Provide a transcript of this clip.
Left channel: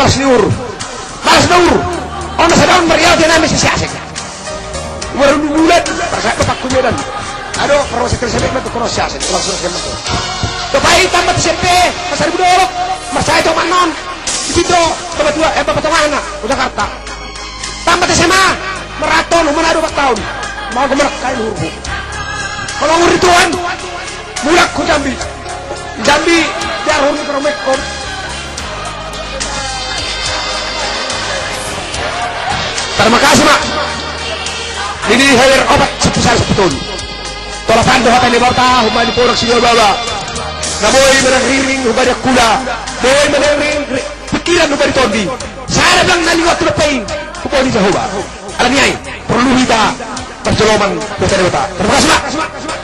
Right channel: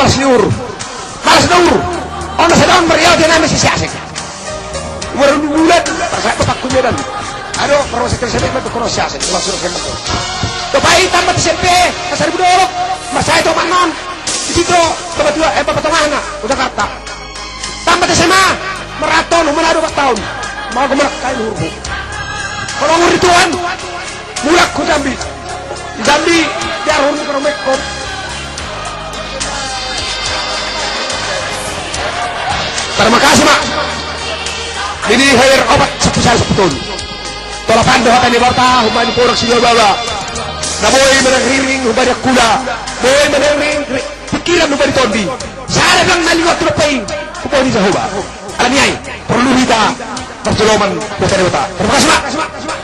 malas niur. Ono sa daun Maria dia namin si Siasek. Walang bulan, saya ko pakunya dan. Aduh, perlu sekali sampai itu kono Siasek, langsung ke itu. Bapak tambah SMP, Pasar Budok. Mas saya itu manon. Di situ bapak tua bapak tengah udah kata. Tambah SMA, maraton Manado 4 tahun. Mau ke kain hurbu. Kalau nguri tuan, mulak ku Jambi. Jambi biar hurbu ke Romekon. Terima kasih mak. Ini hair obat sebesar betul. Tolak pandu hati di bawah, humani porak sini bawa. Naboy menangring humani kuda. Boy menangring pikiran humani tondi. Saya bilang naliwat tu lepain. Kuponi Jehovah. Alam nyai perlu kita pertolongan kepada Terima kasih mak.